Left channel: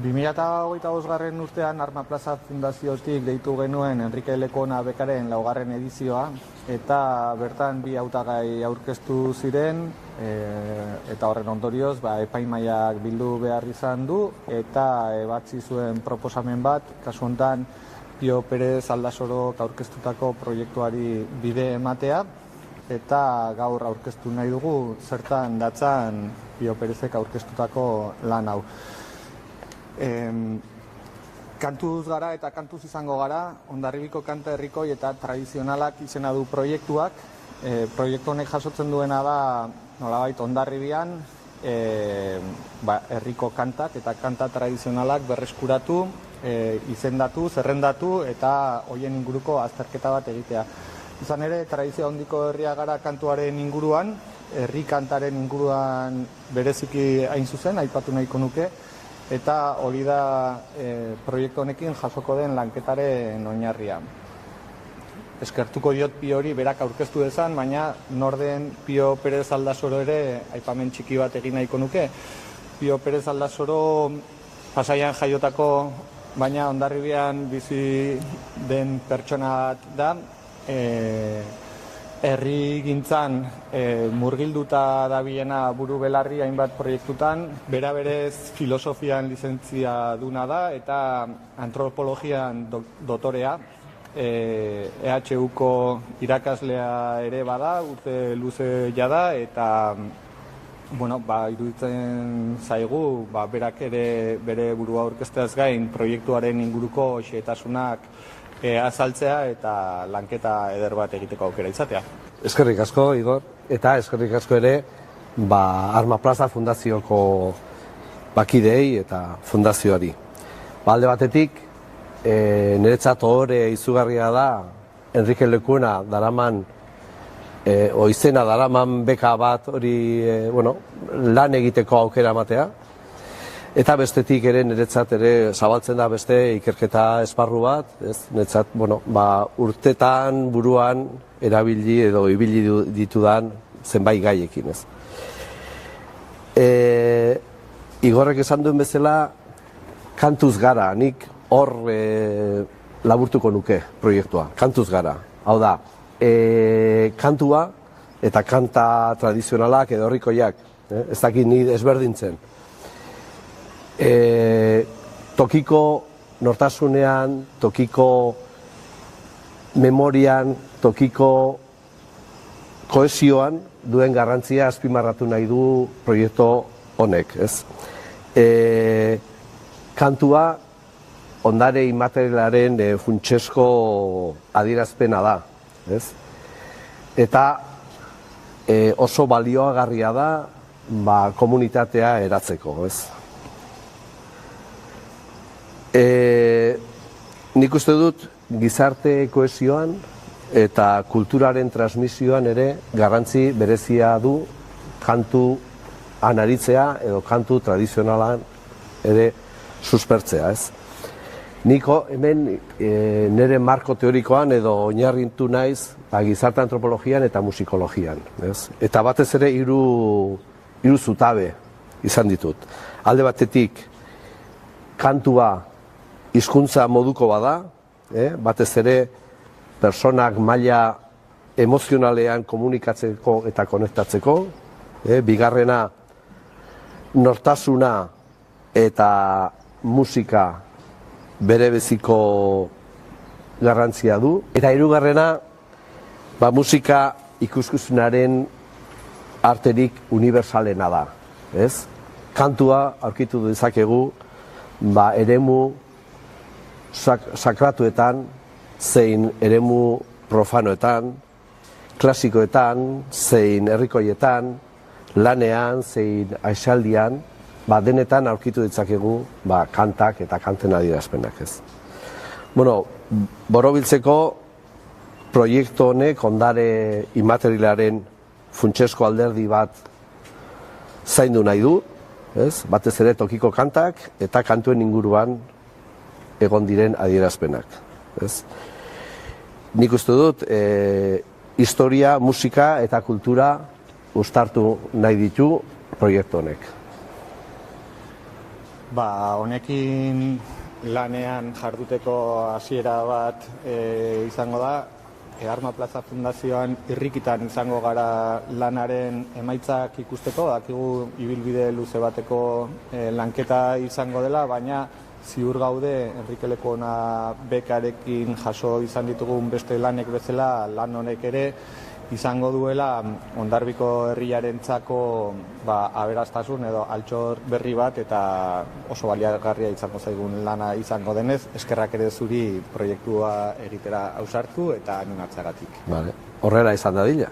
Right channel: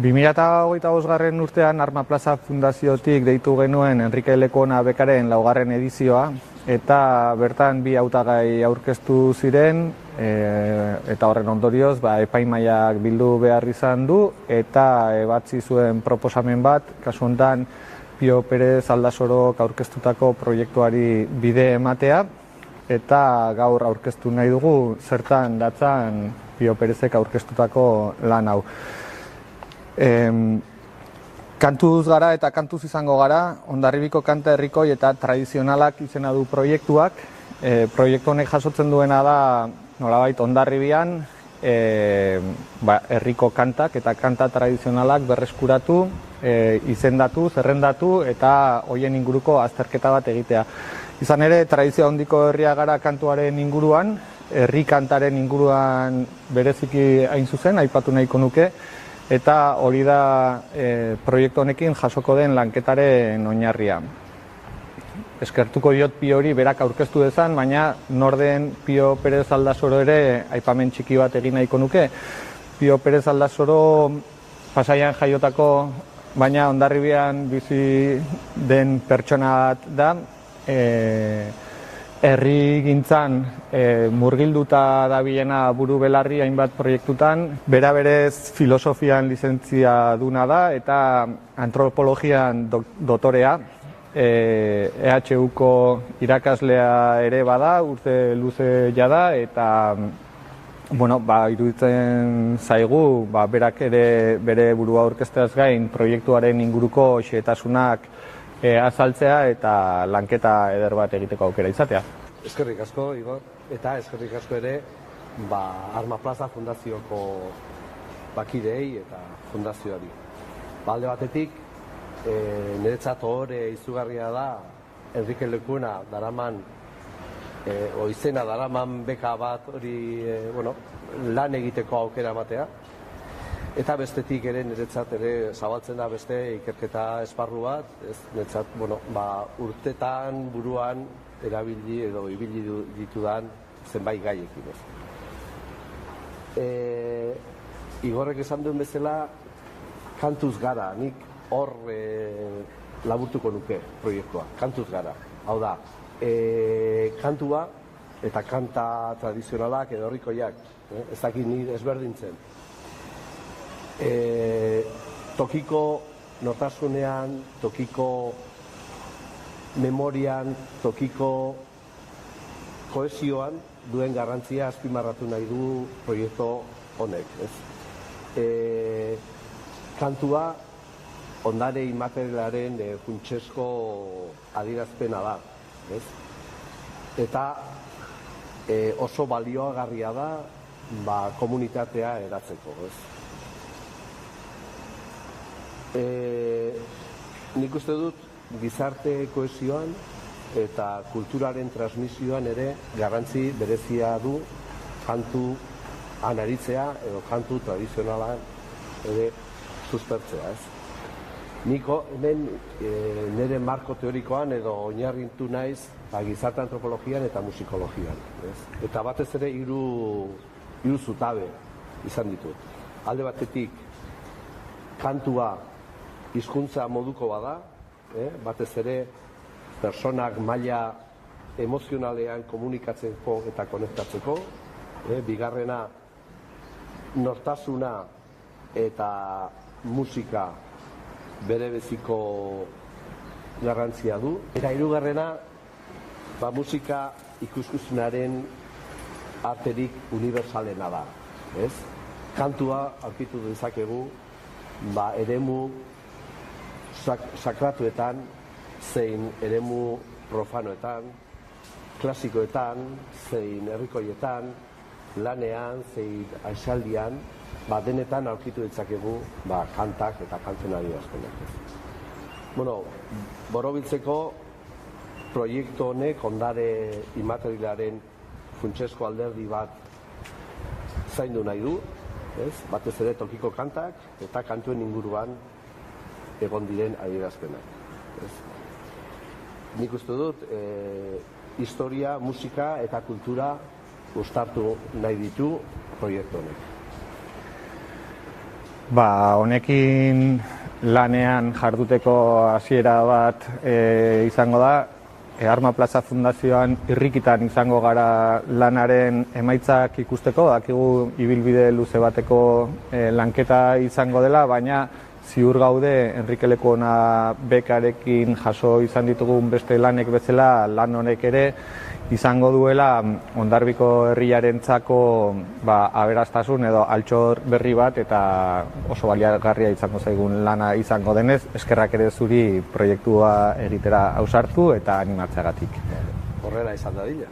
2025 urtean Arma Plaza Fundaziotik deitu genuen Enrique Lekona bekaren 4. edizioa, eta bertan 2 hautagai aurkeztu ziren, eta horren ondorioz epaimahaiak bildu behar izan du, eta ebatzi zuen proposamen bat, kasu honetan Pio Perez Aldasorok aurkeztutako proiektuari bide ematea, eta gaur aurkeztu nahi dugu zertan datzan Pio Perezek aurkeztutako lan hau. Kantuz gara eta kantuz izango gara, Hondarribiko kanta herrikoi eta tradizionalak izena du proiektuak. Proiektu honek jasotzen duena da, nolabait Hondarribian, herriko kantak eta kanta tradizionalak berreskuratu, izendatu, zerrendatu eta hoien inguruko azterketa bat egitea. Izan ere, tradizio handiko herria gara kantuaren inguruan, herri kantaren inguruan bereziki hain zuzen, aipatu nahiko nuke, eta hori da proiektu honekin jasoko den lanketaren oinarria. Eskertuko diot Piori berak aurkeztu dezan, baina norden Pio Perez Aldasoro ere aipamen txiki bat egin nahiko nuke. Pio Perez Aldasoro Pasaian jaiotako, baina Hondarribian bizi den pertsona bat da, herri gintzan murgilduta dabilena buru belarri hainbat proiektutan, bera berez filosofian lizentzia duna da eta antropologian doktorea, EHUko irakaslea ere bada, urte luze jada, eta iruditzen zaigu, berak ere bere burua aurkezteaz gain proiektuaren inguruko xehetasunak azaltzea eta lanketa eder bat egiteko aukera izatea. Eskerrik asko, Igor, eta eskerrik asko ere Arma Plaza Fundazioko bakidei eta fundazioari. Alde batetik, niretzat ohore izugarria da Enrique Lekona daraman, izena daraman beka bat hori lan egiteko aukera ematea. Eta bestetik ere niretzat ere zabaltzen da beste ikerketa esparru bat, niretzat urtetan buruan erabili edo ibili ditudan zenbait gaiekin. Igorrek esan duen bezala, kantuz gara, nik hor laburtuko nuke proiektua, kantuz gara. Hau da, kantua eta kanta tradizionalak edo herrikoiak, ez dakit ni ezberdintzen. Tokiko nortasunean, tokiko memorian, tokiko kohesioan duen garrantzia azpimarratu nahi du proiektu honek. Kantua ondare immaterialaren funtsezko adierazpena da. Eta oso balioagarria da komunitatea eratzeko. Nik uste dut gizarte kohesioan eta kulturaren transmisioan ere garrantzi berezia du kantu anaritzea edo kantu tradizionalan ere suspertzea. Niko hemen nire marko teorikoan edo oinarritu naiz gizarte antropologian eta musikologian. Eta batez ere hiru zutabe izan ditut. Alde batetik kantua hizkuntza moduko bada, batez ere personak maila emozionalean komunikatzeko eta konektatzeko, bigarrena nortasuna eta musika bere beziko garrantzia du, eta hirugarrena musika ikuskizunaren arterik unibertsalena da. Kantua aurkitu dezakegu eremu sakratuetan, zein eremu profanoetan, klasikoetan, zein herrikoietan, lanean, zein aisialdian, denetan aurkitu ditzakegu kantak eta kanten adierazpenak. Borobiltzeko proiektu honek ondare immaterialaren funtsezko alderdi bat zaindu nahi du, batez ere tokiko kantak eta kantuen inguruan egon diren adierazpenak. Nik uste dut, historia, musika eta kultura uztartu nahi ditu proiektu honek. Honekin lanean jarduteko hasiera bat izango da. Arma Plaza Fundazioan irrikitan izango gara lanaren emaitzak ikusteko, dakigu ibilbide luze bateko lanketa izango dela, baina ziur gaude Enrique Lekuona bekarekin jaso izan ditugun beste lanek bezala, lan honek ere izango duela Hondarbiko herriarentzako aberastasun edo altxor berri bat, eta oso baliagarria izango zaigun lana izango denez, eskerrak ere zuri proiektua egitera ausartu eta animatzeagatik. Horrela izan dadila.